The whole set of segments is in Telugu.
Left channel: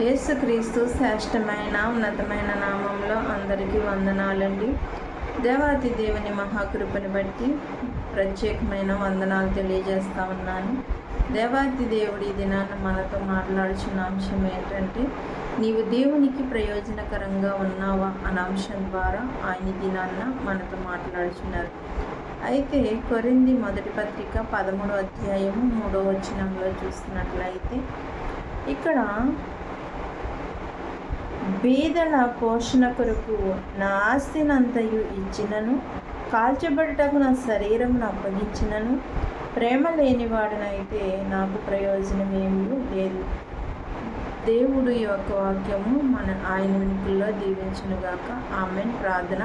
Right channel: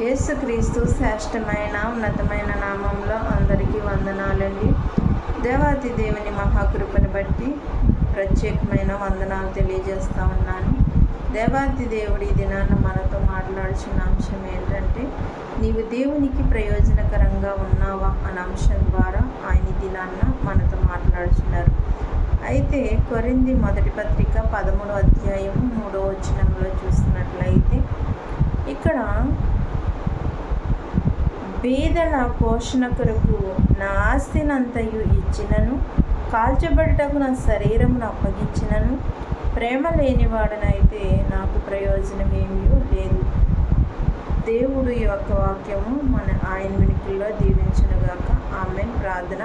యేసుక్రీస్తు శ్రేష్టమైన ఉన్నతమైన నామంలో అందరికీ వందనాలండి. దేవాతి దేవుని మహాకృపను బట్టి ప్రత్యేకమైన వందనాలు తెలియజేస్తా ఉన్నాను. దేవాతి దేవుడి దినాన్న మనతో మాట్లాడుచున్న అంశం ఏంటంటే, నీవు దేవునికి ప్రయోజనకరంగా ఉన్నావా అన్న అంశం ద్వారా ఆయన దినాన్న మనతో మాట్లాడుచున్నారు. అయితే కొరింథీ మొదటి పత్రిక 13వ అధ్యాయము 3వ వచనంలో చూసినట్లయితే, ఇక్కడ బీదల పోషణ కొరకు నా ఆస్తినంతయు ఇచ్చినను, కాల్చబడుటకు నా శరీరమును అప్పగించినను, ప్రేమ లేనివాడనైతే నాకు ప్రయోజనమేమీ లేదు. దేవుడు ఈ యొక్క వాక్యము ఆయన వినికిల్లో దీవించునుగాక. ఆమెన్. ప్రార్థన.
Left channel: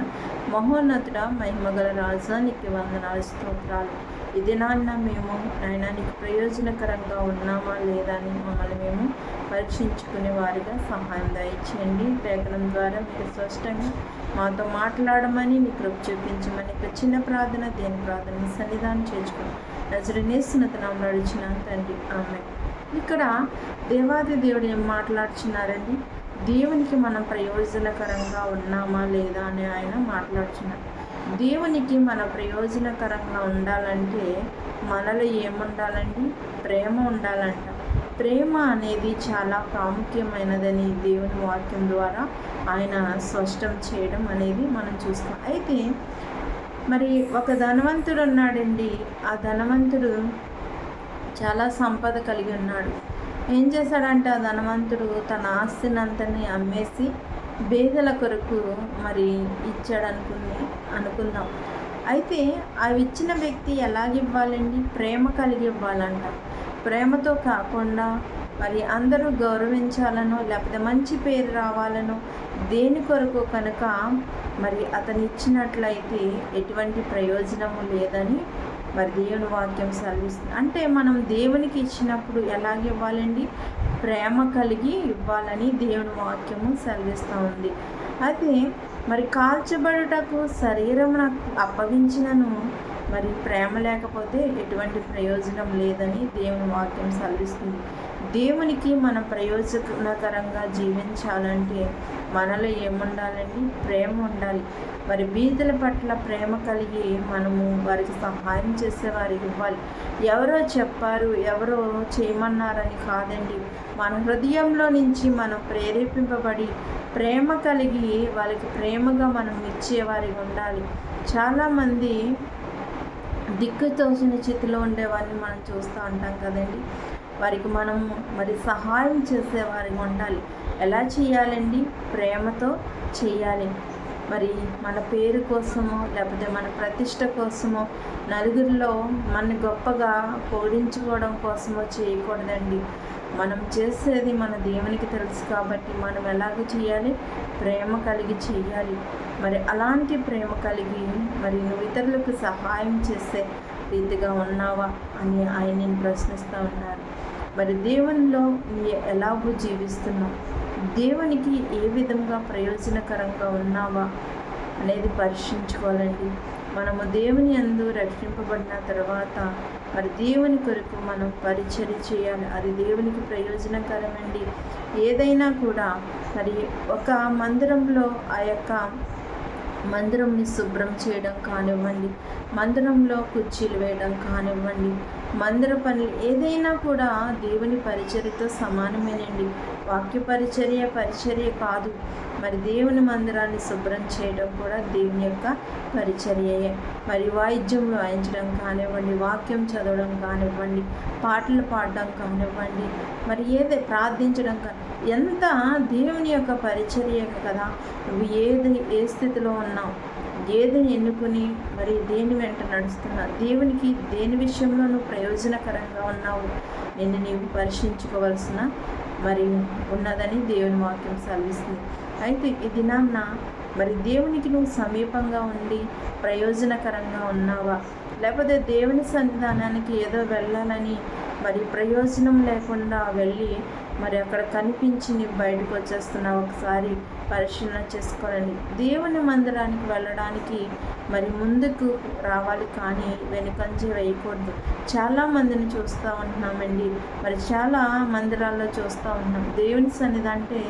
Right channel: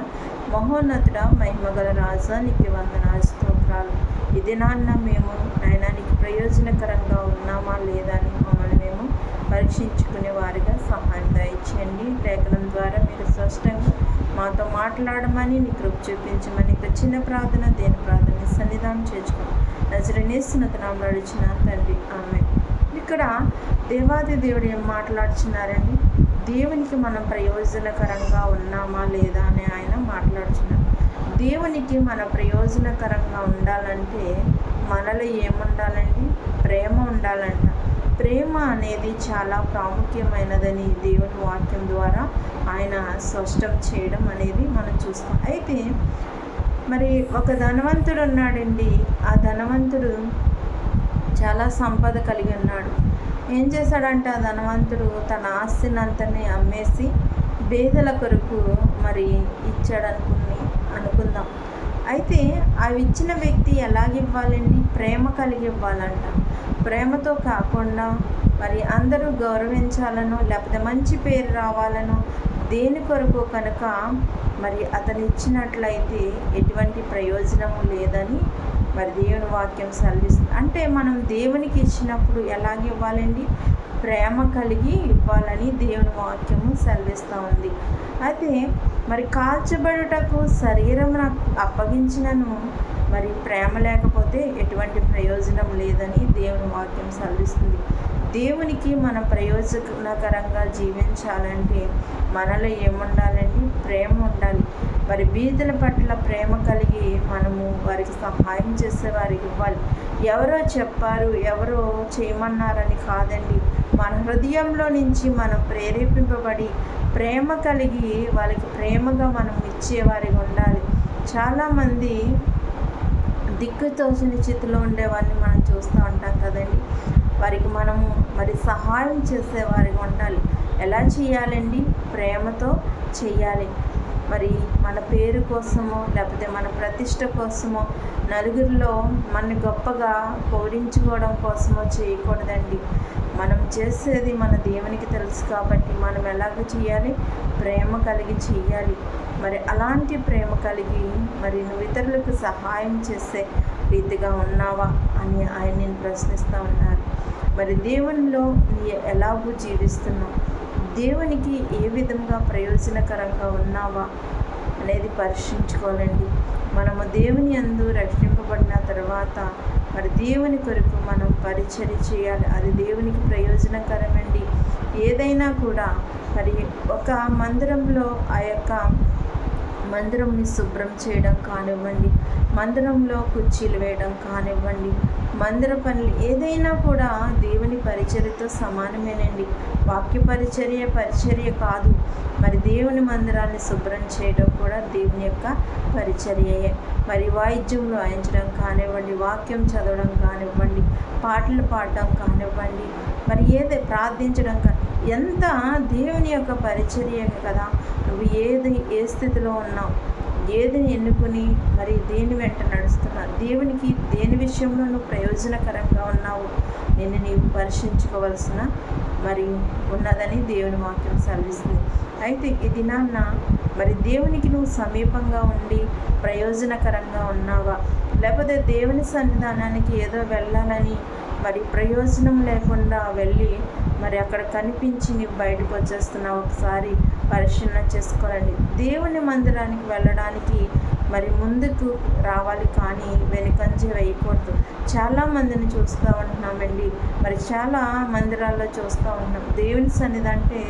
మహోన్నతుడ, మహిమగల రాజా, నీకు వందనాలు, స్తోత్రాలు. ఈ దినాన్న మేము నాయనా నీకు ప్రయోజనకరంగా ఉన్నామా లేదా అని మమ్మల్ని మేము పరీక్షించుకునే వారిగా సహాయం దయచేయండి. లేఖనం ద్వారా మీరు స్పష్టంగా మాతో మాట్లాడమని, నీ కృప చూపించమని చిన్న ప్రార్థన, దేని ప్రార్థన సన్నిధానం చేర్చుకోండి. నజరేస్తున్నతనాలు నడిచిన తండ్రి. ఆమె. ఇక్కడ దేవాది దేవుడు ఏం మాట్లాడుచున్నారండి? దేవునికి మనం ప్రయోజనకరంగా ఉన్నామా లేదా అని ఆయన మాట్లాడుచున్నారు. దేవునికి మన ప్రయోజనకరంగా ఉండాలంటే మనలో ఏముండాలండి? ప్రేమ ఉండాలంట. ప్రేమ అనేది చాలా ప్రాముఖ్యమైనదని దేవుని వాక్యం ద్వారా ఆయన స్పష్టం చేయడం అనేది మనం చూస్తాం. అయితే మరి ఒక ధనవంతుడు ఉన్నాడండి. ఆ ధనవంతుడు చాలా సంపద కలిగి ఉన్నాడు. ఏం చేశాడంటే ఆ ధనవంతుడు తన ఆస్తినంతని అమ్మేసి బేదల కొరకు మరి ఇచ్చాడు అనుకుందాం. అయితే అవి ఇచ్చిన వ్యక్తి ఎలాగివ్వాలండి? ప్రేమ కలిగి ఇవ్వాలంట. ప్రేమతో కాకుండా మరి అందరూ గౌరవించాలనో లేకపోతే మంచి పేరు రావాలనో దేని కొరకు కనుక మరి అతను ఇచ్చినట్లయితే ఎటువంటి ప్రయోజనము లేదని మరి దేవుని వాక్యం సెలవిస్తుంది. అంటే మనం దేవునికి ఇచ్చినప్పుడు ఎలాగ ఇవ్వాలండి? ప్రేమ కలిగి ఇవ్వాలని దేవుని వాక్యము సెలవిస్తూ ఉంది. అయితే మరి కాల్చబడుటకు శరీరం నాకు అప్పగించినను మరి ప్రేమ లేకపోతే ఎటువంటి ప్రయోజనం లేదని దేవుని వాక్యం సెలవిస్తుంది. దేవునికి మన ప్రయోజనకరంగా జీవించాలంటే మనలో ఏముండాలండి? ప్రేమ ఉండాలి. మరి బీదల పట్ల ప్రేమ కలిగి మనము వారికి సహాయం చేసే వారికి ఇవ్వాలి. ఎవరో చెప్పారు, ఎవరో చేయమన్నారని కాదండి. మన హృదయంలో నుంచి మనం ప్రేరేపింపబడి ప్రేమ కలిగి వాళ్ళకి ప్రేమగా మనం ఇచ్చేవారికి ఉండాలి. చాలామంది దిక్కుతోచిన స్థితిలో ఉండేవారిని మనం చూస్తూ ఉంటాం కదండి. వారికి మనము మరి సహాయం చేసేవారిగా ఉండాలి. ఎలా చేయాలండి? ప్రేమతో చేయాలి. మరి మన పేరు కోసమో లేకపోతే మన ప్రతిష్ట కోసమో నలుగురిలో మన గొప్పగా పొగిడించుకోవడం కోసమో చేయకూడదండి. మనం చేసేది మన దేవునికి తెలుసు కాబట్టి మనం ఎలాగ చేయాలి? ప్రేమ కలిగి చేయాలి. మరి అలాంటి ప్రేమ కలిగి మరి నువ్వు ఇతరులకు సహాయం చేసే రీతిగా ఉన్నావా అని ఆయన నేను ప్రశ్నిస్తూ ఉన్నారు. మరి దేవునిలో నీ ఎలాగూ జీవిస్తున్నావు? దేవునికి ఏ విధంగా ప్రయోజనకరంగా ఉన్నావా అనేది పరీక్షించుకోవాలండి. మనము దేవుని యందు రక్షింపబడిన తర్వాత మరి దేవుని కొరకు మనం పరిచర్య చేయాలి. అది దేవునికి ప్రయోజనకరమండి. ఏదైనా కూడా మరి ఒక మందిరంలో ఆ యొక్క మందిరంని శుభ్రం చేయడం కానివ్వండి, మందిరంలో కుర్చీలు వేయడం కానివ్వండి, మందిర పనులు ఏదైనా కూడా దేవుని పరిచర్యతో సమానమేనండి. వాక్య పరిచర్య కాదు. మరి దేవుని మందిరాన్ని శుభ్రం చేయడం కూడా దేవుని యొక్క పరిచర్యయే. మరి వాయిద్యంలో వాయించడం కానివ్వండి, వాక్యం చదవడం కానివ్వండి, పాటలు పాడడం కానివ్వండి, మరి ప్రార్థించడం ఎంత దేవుని యొక్క పరిచర్య కదా. నువ్వు ఏ స్థితిలో ఉన్నావు, ఏదని ఎన్నుకుని మరి దేని వెంట నడుస్తున్నావు, దేవునికి దేని విషయంలో నువ్వు ప్రయోజనకరంగా ఉన్నావు నిన్ను నీవు పరీక్షించుకోవాల్సిన మరి ఉన్నదని దేవుని వాక్యం సెలవిస్తుంది. అయితే ఈ దినాన్న మరి దేవునికి నువ్వు సమీపంగా ఉండి ప్రయోజనకరంగా ఉన్నావా? లేకపోతే దేవుని సన్నిధానానికి ఏదో వెళ్ళాలని మరి ప్రయోజనం లేకుండా వెళ్ళి మరి అక్కడ కనిపించి నీవు బయటకు వచ్చేస్తున్నావు. ఒకసారి పరిశీలన చేసుకోవాలండి. దేవుని మందిరానికి వెళ్ళడానికి మరి ముందుకు రావాలి కానీ వెనుకంజ వేయకూడదు. చాలామందిని చూస్తూ ఉంటున్నామండి, మరి చాలా మందిరాల్లో చూస్తూ ఉంటున్నాం. దేవుని సన్నిధి అంటే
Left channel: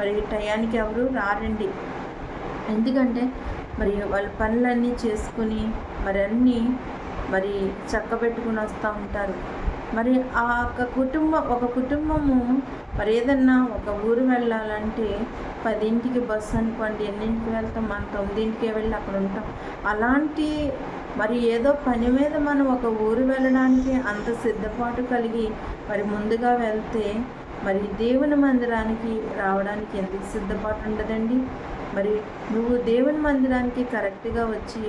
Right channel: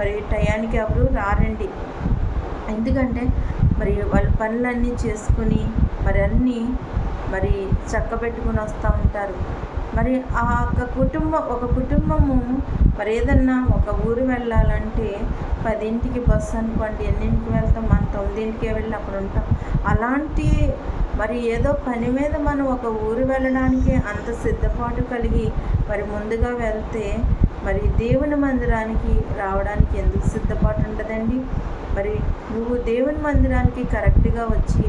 మరి టయానికి ఎవరు రారండి. ఎందుకంటే మరి వాళ్ళ పనులన్నీ చేసుకుని మరి అన్నీ మరి చక్కబెట్టుకుని వస్తూ ఉంటారు. మరి ఆ ఒక కుటుంబము మరి ఏదన్నా ఒక ఊరు వెళ్ళాలంటే 10ంటికి బస్సు అనుకోండి, ఎన్నింటికి వెళ్తాం? మనం 9ంటికే వెళ్ళి అక్కడ ఉంటాం. అలాంటి మరి ఏదో పని మీద మనం ఒక ఊరు వెళ్ళడానికి అంత సిద్ధపాటు కలిగి మరి ముందుగా వెళ్తే మరి దేవుని మందిరానికి రావడానికి ఎందుకు సిద్ధపాటు ఉండదండి? మరి నువ్వు దేవుని మందిరానికి కరెక్ట్గా వచ్చి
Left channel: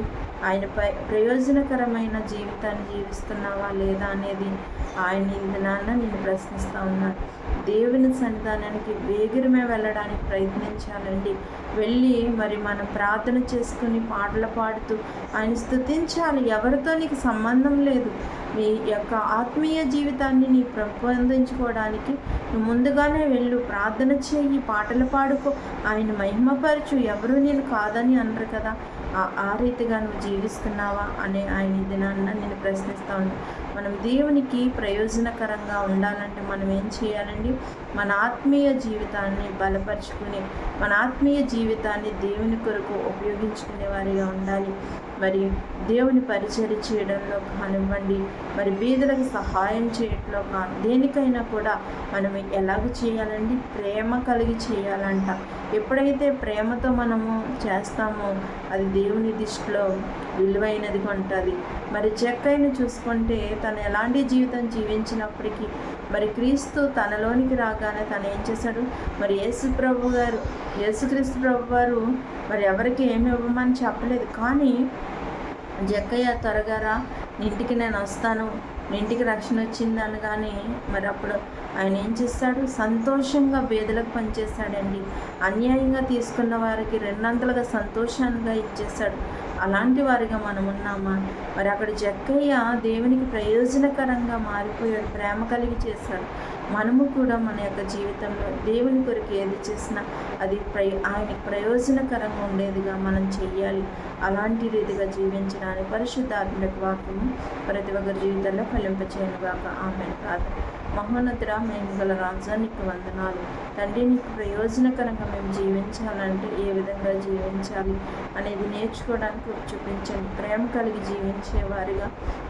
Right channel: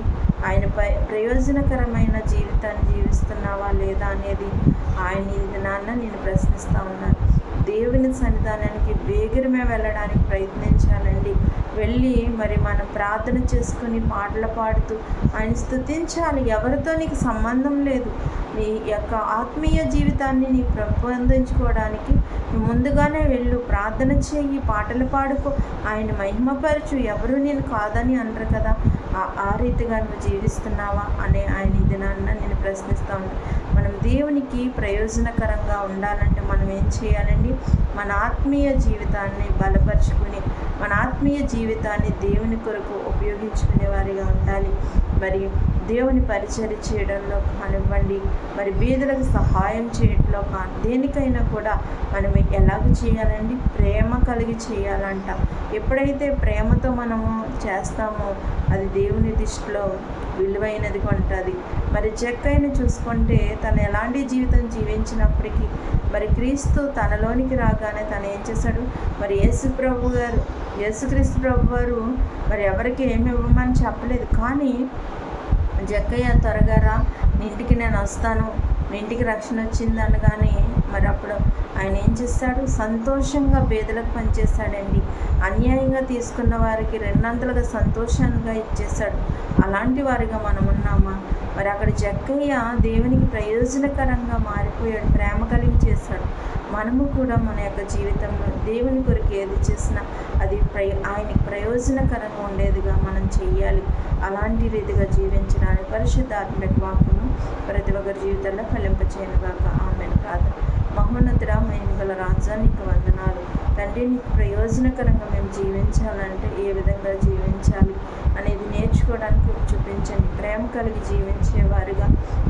ఆయనపై ప్రయోజనకరమైన జీవితాన్ని జీవిస్తున్నావా లేదా అనేది ఆయన ఇది నాన్న నేను ప్రశ్నిస్తూ ఉన్నాను. దేవుని సన్నిధానానికి వేగిరమే వెళ్ళడానికి ప్రయత్నించాలండి. వెళ్ళి మరి మనం ప్రార్థన చేసుకుని పాటలు పాడుతూ ఆయన స్తుతించాలి. ఎవరితో నీకు సంబంధం లేదు. నీ యొక్క ఆత్మీయ జీవితాన్ని నీ పెంపొందించుకోవడానికి నువ్వు ముందుగానే వెళ్ళు, ప్రార్థన చేయి, పాటలు పాడుకో, ఆయన మహిమపరచు. ఎవరు నేను కాదని అనరు కదా. ఆ రీతిగా నువ్వు జీవిస్తున్నావా అనే ఆయన ఈ దినాన్న నేను ప్రశ్నిస్తూ ఉంటాను. మనం దేవునికి ప్రయోజనకరంగా ఉండాలంటే మనం ఏం చేయాలండి? మన ఆత్మీయ జీవితాన్ని బలపరుచుకుని మన ఆత్మీయ జీవితాన్ని దేవుని కొరకు ఉపయోగించుకునే వారిగా ఉండాలి. మరి దేవుని పరిచర్య చేయడంలో కానివ్వండి, మరి బీదలకు సహాయం చేయడంలో కానీ దేనికైనా కూడా మనం ఎలాగ చేయాలండి? ప్రేమ కలిగి చేయాలంట. ఎప్పుడైతే ప్రేమతో మనము చేస్తామో అది దేవుని దృష్టిలో విలువైనదిగా ఉంటుంది. మరి జక్కయ్యను చూసుకుంటే తను ఎలాంటి జీవితం జీవించినప్పటికీ మరి క్రీస్తు తనలోనికి రాగానే తను ఏం చేశాడు? మరి యేసుక్రీస్తు ప్రభు వారు మరి ఎవరికి ఏమి ఇవ్వమని చెప్పలేదు. కానీ జక్కయ్య త్వరగా రా, నీ ఇంటికి నేను వస్తాను, నీ ఇంటికి రక్షణ వచ్చింది అనగానే మరి అప్పుడు ఆయన ఏం చేస్తాడు? సంతోషంగా బేదలకు పనిచేశాడండి. అన్యాయంగా తీసుకున్న వారికి రెండంతలుగా సంతోషంగా ఇచ్చేశాడు. అలాంటి వారిగా మనం ఉన్నామా? మరి అక్కడ జక్కయ్య దేవునికి ప్రయోజనకరంగా మారిపోయాడు, ప్రేమ కలిగి చేశాడు. మనము కూడా మన యొక్క జీవితంలో దేవుని కొరకు ఏది చేసినా అది ఆయనకి ప్రయోజనకరంగా ఉండేదిగా మనం చెయ్యాలి. అలాంటి రీతిగా జీవించడానికి పరిశుద్ధాత్మక వాక్యము ప్రతి ఒక్కరి జీవితంలో ఫలింపచేయనుగాక. ఆమేన్. ప్రార్థన. మహోన్నతుడా, మహిమగల రాజా, నీకు వందనాలు తండ్రి. నీకు ప్రయోజనకరంగా మేము జీవించాలంటే ఏ విధంగా జీవించాలి అనేది నేర్చుకోవడానికి చూపించండి. ప్రేమ కలిగి జీవించేవారుగా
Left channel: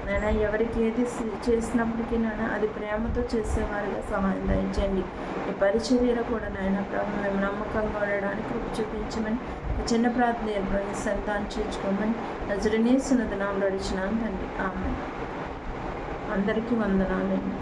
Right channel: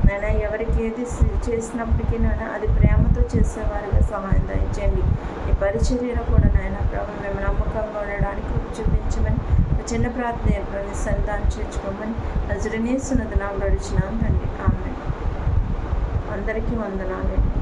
నైనా ఎవరికి ఏది చేసినప్పటికీ నైనా అది ప్రేమతో చేసేవారుగా సహాయం దయచేయండి. ఈ పరిచర్యలో కూడా నాయన ప్రభు మేము నమ్మకంగా ఉండడానికి చూపించమని ఒక చిన్న ప్రార్థన ఏర్పడి సంతానం చేర్చుకోమని నజరేయుని యేసు నామములో అడుగుచున్నాను తండ్రి. ఆమేన్. అందరికీ వందనాలండి.